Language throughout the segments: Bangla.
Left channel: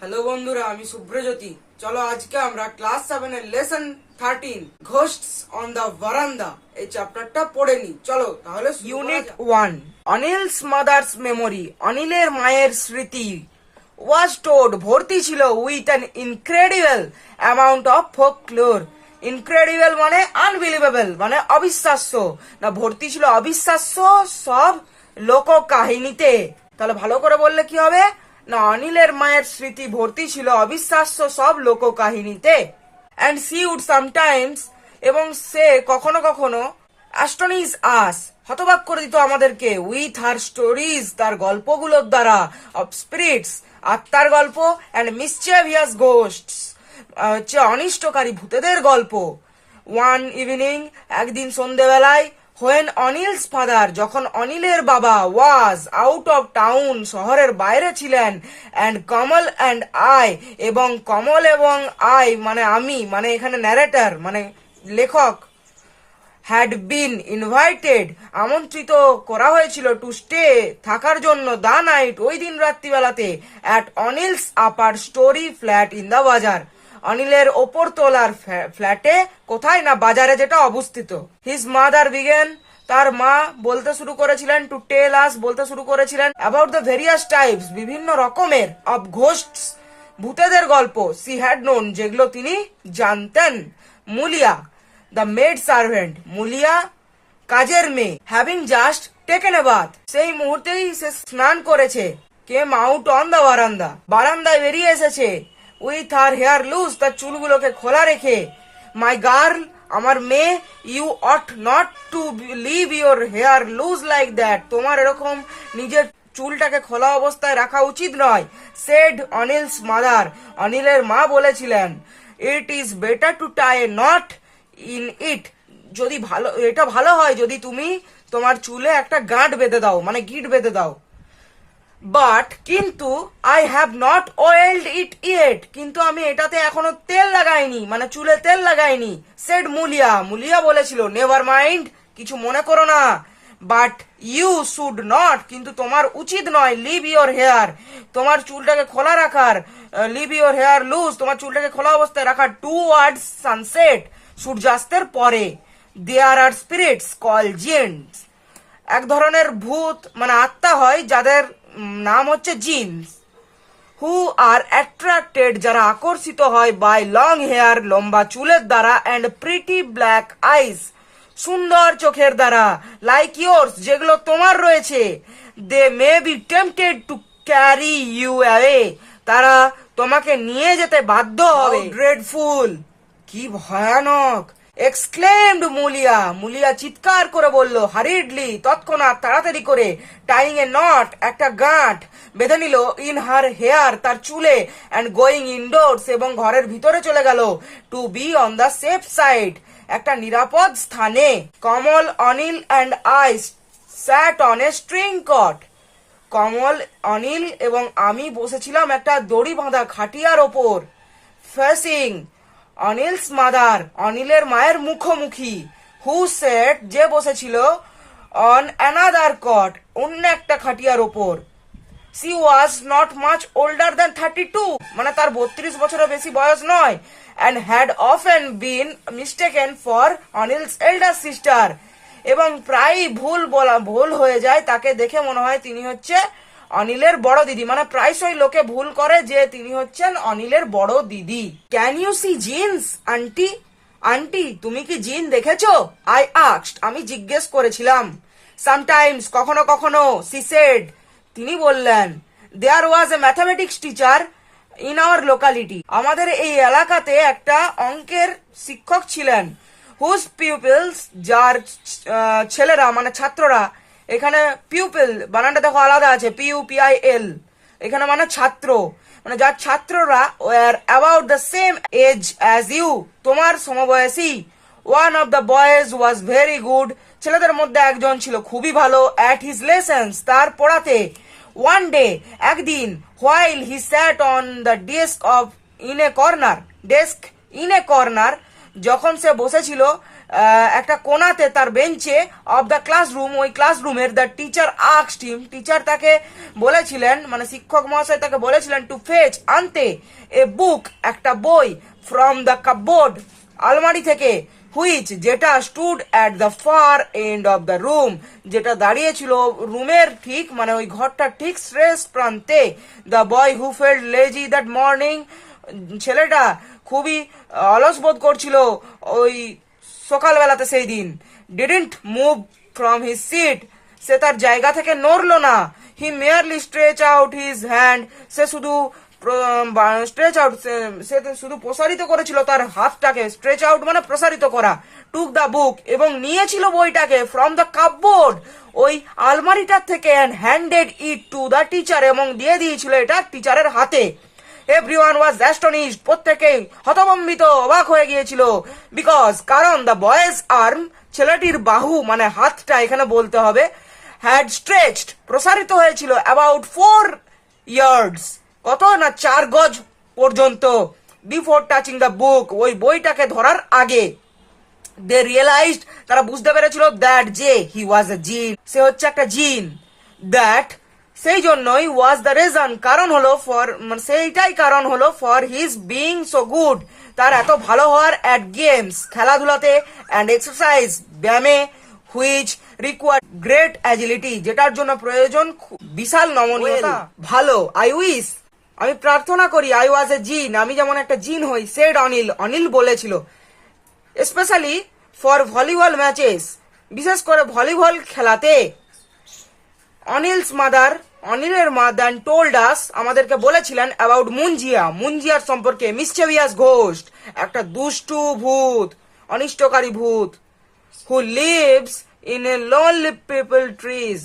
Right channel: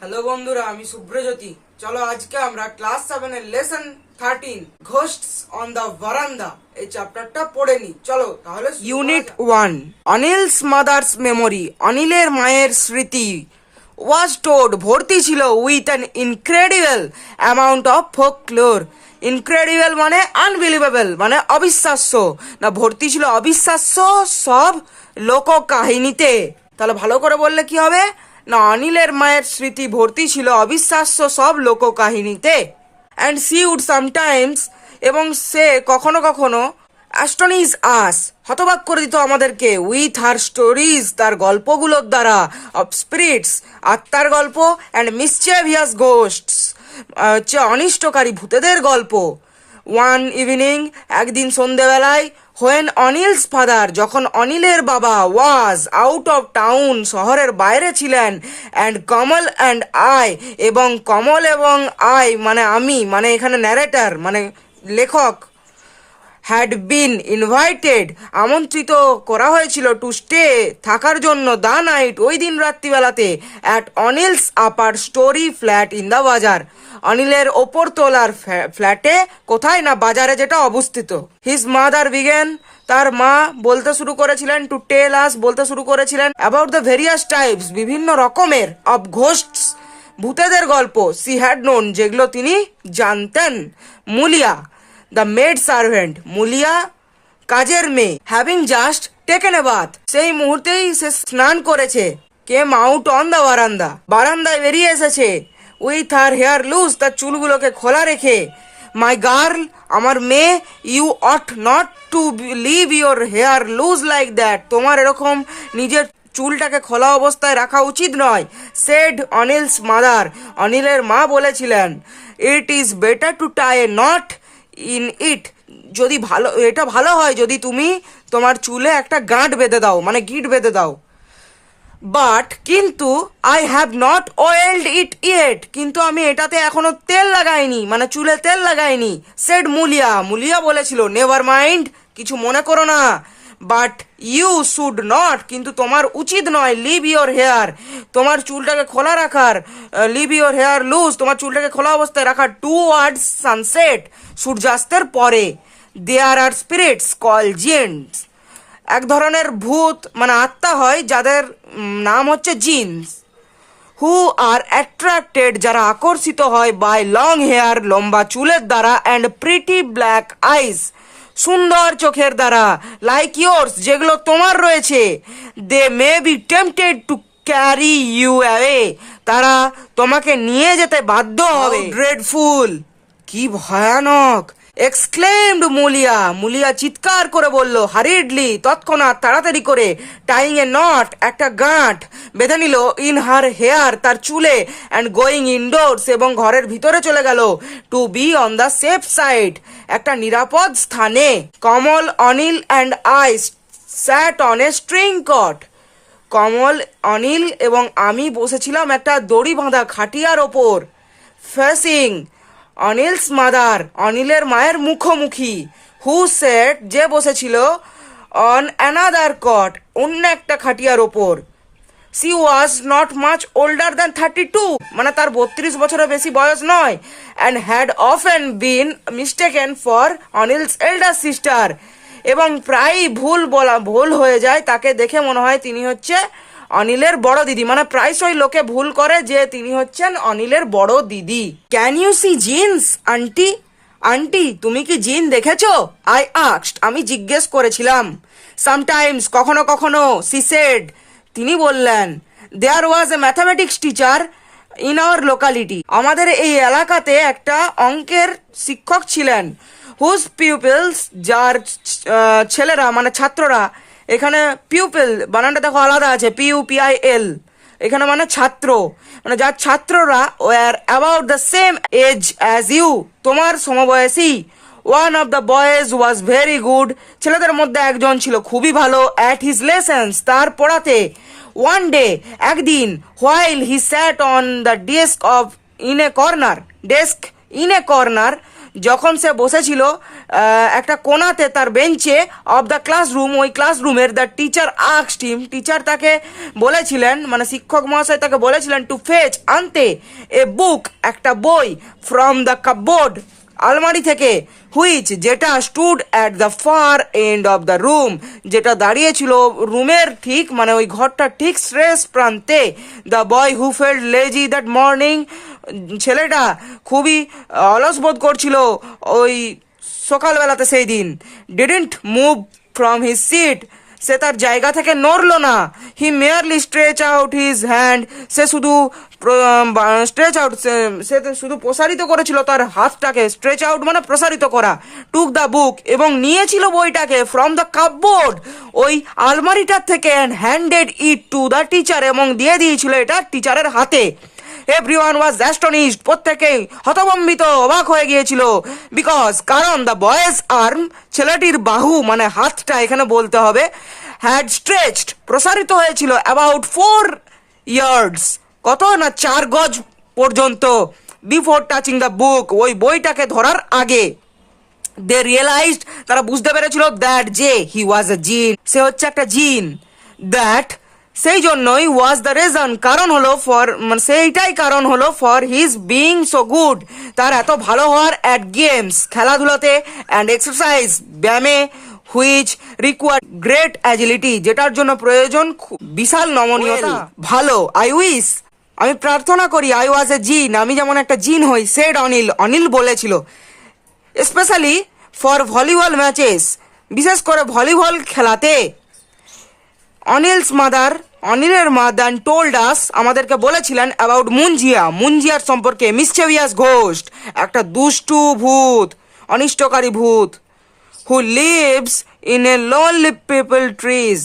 হ্যালো বন্ধুরা, আমি শুভ্রজ্যোতি। চলো আজকে আমরা ক্লাস 7 এর লেসন 13 ঘোস্টস অন দ্য ভারান্দা এই চ্যাপ্টারটা পড়ে নি। চলো তাহলে ইউনিট 1 অনিলস মাদার্স মেমোরি। অনিলের মায়ের স্মৃতি ওয়াজ টোড ভর্তি ছিল with an incredible amount of folklore. Incredible মানে আনবিলিভেবল, মানে অবিশ্বাস্য না, ভর্তি ছিল অবিশ্বাস্য সব লোক কাহিনীতে। তাহলে ভালো করে বললে কি হবে না, অনিলের মায়ের স্মৃতি ভর্তি ছিল অবিশ্বাস্য সব লোককাহিনীতে। অ্যান্ড সি উড সামটাইমস, এবং সে কখনো কখনো অ্যাস্টনিশ আস, হতবাক করে দিত আমাদেরকে, উইথ হার স্টোরিজ, তার গল্পগুলোর দ্বারা, অফ স্পিরিটস, আত্মার গল্প, অ্যান্ড মিসচিভিয়াস গোস্টস, হচ্ছে অনিষ্টকারী ভূতেদের গল্প। ওয়ান ইভিনিং, একদিন সন্ধেবেলায়, হোয়েন অনিলস ফাদার, যখন অনিলের বাবা, ওয়াজ আউট অফ টাউন, শহরের বাইরে ছিলেন, অ্যান্ড কমল অ্যান্ড আই, এবং কমল এবং আই মানে আমি, মানে এখানে ন্যারেটার মানে লেখক, হ্যাড বিন ইনভাইটেড, আমন্ত্রিত করা হয়েছিল, টু স্টে, থাকার জন্য, দ্য নাইট, ওই দিন রাত্রিবেলাতে, at Anil's upper storey flat in the bazaar, অনিলের ওপর তোলার ফ্ল্যাটে, কোথায় না বাজারে যেটা অবস্থিত। হিজ মাদার বিগেন, তার মা বলতে শুরু করেছিলেন, টু টেল আস, বলতে শুরু করেছিলেন, অ্যাবাউট দ্য ভেরিয়াস টাইপস, বিভিন্ন রকমের, অফ ঘোস্টস, ভূতেদের গল্প, সি হ্যাড নোন, যেগুলো তিনি জানতেন। Mulia the maid servant, Mulia কাজের মেয়ে, having just taken a bath, সেই মুহূর্তেই সে স্নান করেছে, কেম আউট অন দ্য বারান্দা, বারান্দায় বেরিয়ে এসেছে, উইথ হার হেয়ার লুজ, তার চুলগুলোকে খোলা রেখে, মাই গার্ল, আমার মেয়ে, you ought not to leave your hair loose like that, তোমার এরকম নিজের চুলটাকে খোলা অবস্থায় রাখা উচিত নয়। সেড অনিলস মাদার, অনিলের মা বলেছিলেন, it is better to tie a knot in it, যদি ভালো, এটা ভালো হয় যদি তুমি তোমার চুলে একটা গাঁট বেঁধে দাও, মানে গিট বেঁধে দাও। বাট কিন্তু, I have not oiled it yet, কিন্তু আমি এটাতে এখনো তেল লাগাইনি, মানে চুলে তেল লাগাইনি। সেড মুলিয়া, মুলিয়া বলেছিল, নেভার মাইন্ড, কিছু মনে করো না, বাট ইউ শুড নট, কিন্তু তোমার উচিত নয়, লিভ ইয়োর হেয়ার, তোমার চুলটাকে খোলা রাখার, লিভ ইয়োর হেয়ার লুজ, তোমার চুলটাকে খোলা অবস্থায় রাখার, টুয়ার্ডস সানসেট, সূর্যাস্তের পরে। দেয়ার আর স্পিরিটস কল জিন্স, এক ধরনের ভূত মানে আত্মা হয় যাদের নাম হচ্ছে জিন্স, হু আর অ্যাট্রাক্টেড, যারা আকর্ষিত হয়, বাই লং হেয়ার, লম্বা চুলের দ্বারা, অ্যান্ড প্রিটি ব্ল্যাক আইস, সুন্দর চোখের দ্বারা, লাইক ইয়োর্স, যেগুলো তোমার রয়েছে। They may be tempted to carry you away, তারা তোমাকে নিয়ে যেতে বাধ্য হবে। ড্রেডফুল, কি ভয়ানক, এক্সক্লেমড মুলিয়া, মুলিয়া চিৎকার করে বলল, হারিডলি, তৎক্ষণাৎ, তাড়াতাড়ি করে, টাইং এ নট, একটা গাঁট বেঁধে নিল, ইন হার হেয়ার, তার চুলে, অ্যান্ড গোয়িং ইনডোরস, এবং ঘরের ভিতরে চলে গেল, to be on the safe side, একটা নিরাপদ স্থানে। Kamal, Anil and I sat on a string cot, Kamal, Anil এবং আমি বসেছিলাম একটা দড়ি বাঁধা খাটিয়ার ওপর। ফেসিং অনিলস মাদার, অনিলের মায়ের মুখোমুখি। হু সেট, যে বসেছিল, অন অ্যানাদার কট, অন্য একটা খাটিয়ার ওপর। She was not much older than 32, মানে তার 32 বছরের বেশি বয়স নয়, and had often been mistaken for Anil's elder sister, এবং প্রায়ই ভুল হয়ে যায়, তাকে দেখে মনে হয় তিনি হচ্ছে অনিলের বড় দিদি, মানে প্রায়শই লোকে ভুল করে যে তিনি হচ্ছেন অনিলের বড় দিদি। Can you see jinns auntie, auntie তুমি কি জিন দেখেছো? আই আস্কড, আমি জিজ্ঞেস করেছিলাম। সামটাইমস, কখনো কখনো। সি সেড, তিনি বললেন। There was a mathematics teacher in our locality, আমাদের এই এলাকাতে একটা অঙ্কের শিক্ষক ছিলেন। হুজ পিউপিলস, যার ছেলেরা মানে ছাত্ররা, এখানে পিউপিল বানানটা দেখো আলাদা আছে, PUPIL, এখানে মানে ছাত্র, মানে যার ছাত্ররা were about the same age as you, তোমার সমবয়সী। One of the boys was very good, ছেলেদের মধ্যে একজন ছিল খুবই ভালো, অ্যাট হিজ লেসন্স, তার পড়াতে। ওয়ান ডে, একদিন, while he sat on the desk in a corner, যখন সে বসেছিল একটা কোণাতে তার বেঞ্চে অফ দ্য ক্লাসরুম, ওই ক্লাসরুমের, the teacher asked him, teacher তাকে বলেছিলেন, মানে শিক্ষক মহাশয় তাকে বলেছিলেন টু ফেচ, আনতে, এ বুক, একটা বই, ফ্রম দ্য কাপবোর্ড, আলমারি থেকে, হুইচ, যেটা, stood at the far end of the room, যেটা দাঁড়িয়েছিল রুমের ঠিক, মানে ওই ঘরটার ঠিক শেষ প্রান্তে। The boy who felt lazy that morning, ছেলেটা খুবই অলস বোধ করছিল ওই সকালবেলাতে সেই দিন। Didn't move from his seat, সে তার জায়গা থেকে নড়লো না। He merely stretch out his hand, সে শুধু স্ট্রেচ আউট, সে শুধু প্রসারিত করেছিল তার হাতটাকে, স্ট্রেচ আউট মানে প্রসারিত করা। টুক দ্য বুক, এবং নিয়েছিল বইটাকে, ফ্রম দ্য কাপবোর্ড, ওই আলমারিটার থেকে, and handed it to the teacher, এবং দিয়ে দিয়েছিল এটা টিচারের হাতে। এভরিওয়ান ওয়াজ অ্যাস্টনিশড, প্রত্যেকেই হতভম্বিত, অবাক হয়ে গিয়েছিল। বিকজ, কারণ, দ্য বয়েজ আর্ম, ছেলেটির বাহু মানে হাতটা এখানে বলতে হবে, হ্যাড স্ট্রেচড, প্রসারিত হয়েছিল, অ্যাবাউট 4 ইয়ার্ডস, কত না 4 গজ পর্যন্ত, বিফোর টাচিং দ্য বুক, ওই বইটাকে ধরার আগে। দে রিয়েলাইজড, তারা বুঝতে পেরেছিল, দ্যাট, যে, হি ওয়াজ এ জিন, সে হচ্ছে একটা জিন। দ্যাট, সেই জন্যই, ওয়াজ দ্য রিজন, কারণ হলো, ফর, মানে সেইটাই কারণ হলো, for his being so good, তার এত ভালো হওয়ার, অ্যাট গেমস, খেলাধুলাতে, অ্যান্ড এক্সারসাইজ, ব্যায়ামে, হুইচ রিকোয়ার গ্রেট অ্যাজিলিটি, যেটার জন্য প্রয়োজন বিশাল নমনীয়তা। ভালো, আই উইশ, আমি প্রার্থনা করি, আই ওয়াজ এ জিন, আমি যেমন একটা জিন হই, সেড অনিল, অনিল বলেছিল। স্পেশালি ফর ভলিবল ম্যাচেস, বিশেষ করে ভলিবল খেলাতে। অনিলস মাদার, অনিলের মা, দেন টোল্ড আস, আমাদেরকে বলেছিলেন, অ্যাবাউট মুঞ্জিয়া, মুঞ্জিয়ার সম্পর্কে, মিসচেভিয়াস ঘোস্ট, একটা দুষ্টু ভূত, অনিষ্টকারী ভূত, who lives in a lonely peepal trees,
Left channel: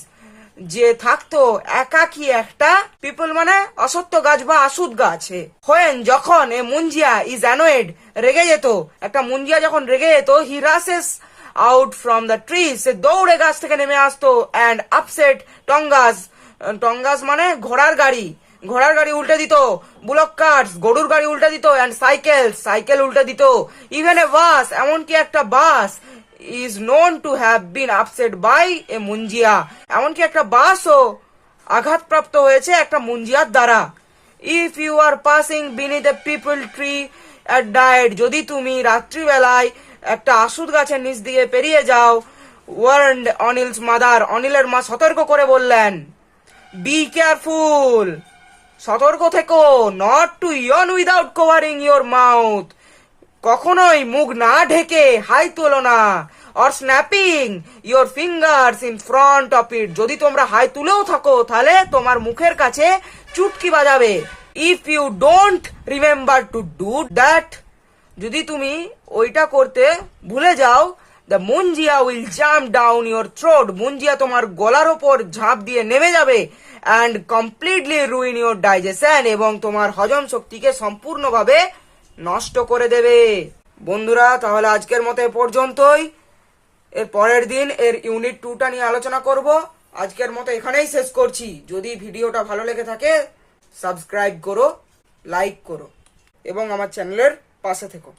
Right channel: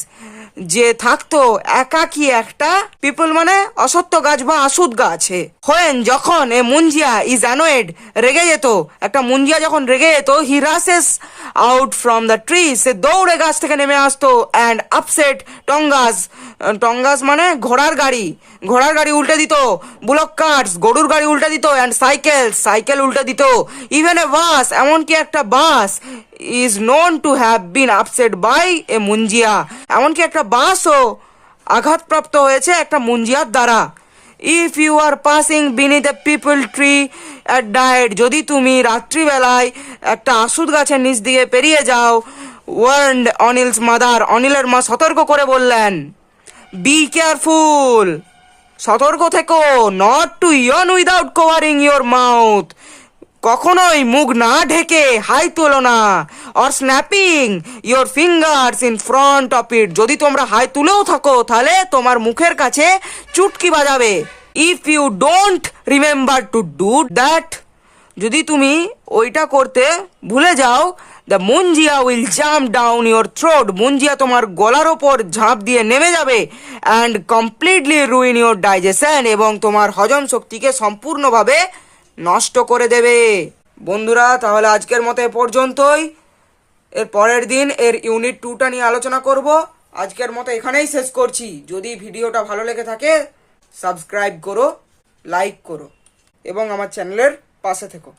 যে থাকতো একাকী একটা, পিপল মানে অসত্য গাছ বা আসুদ গাছে। হোয়েন, যখন, এ মুঞ্জিয়া ইজ অ্যানোয়েড, রেগে যেত, একটা মুঞ্জিয়া যখন রেগে যেত, হি রাসেস আউট ফ্রম দ্য ট্রি, সে দৌড়ে গাছ থেকে নেমে আসতো, অ্যান্ড আপসেট টঙ্গাস, টঙ্গাস মানে ঘোড়ার গাড়ি, ঘোড়ার গাড়ি উল্টে দিত, বুলক কার্টস, গরুর গাড়ি উল্টে দিত, অ্যান্ড সাইকেল, সাইকেল উল্টে দিত, ইভেন এ বাস, এমনকি একটা bus, is known to have been upset by a munjia, এমনকি একটা বাসও আঘাতপ্রাপ্ত হয়েছে একটা মুঞ্জিয়ার দ্বারা। If you are passing beneath a peepal tree at night, যদি তুমি রাত্রিবেলায় একটা আসুদ গাছের নিচ দিয়ে পেরিয়ে যাও, ওয়ার্নড অনিলস মাদার, অনিলের মা সতর্ক করে বললেন, বি কেয়ারফুল, সতর্ক থেকো, not to yawn without covering your mouth, কখনোই মুখ না ঢেকে হাই তোলো না, or snapping your fingers in front of it, যদি তোমরা হাই তুলেও থাকো তাহলে তোমার মুখের কাছে চুটকি বাজাবে। If you don't remember to do that, যদি তুমি ওইটা করতে ভুলে যাও, the Munjia will jump down your throat, Munjia তোমার গলার ওপর ঝাঁপ দিয়ে নেমে যাবে, and completely ruin your digestion, এবং তোমার হজম শক্তিকে সম্পূর্ণভাবে নষ্ট করে দেবে। বন্ধুরা, তাহলে আজকের মতো এ পর্যন্তই। এর পরের দিন এর ইউনিট 2টা নিয়ে আলোচনা করব। আজকের মতো এখানেই শেষ করছি। যদি ভিডিওটা ভালো লেগে থাকে সাবস্ক্রাইব করো, লাইক করো এবং আমার চ্যানেলের পাশে থেকো।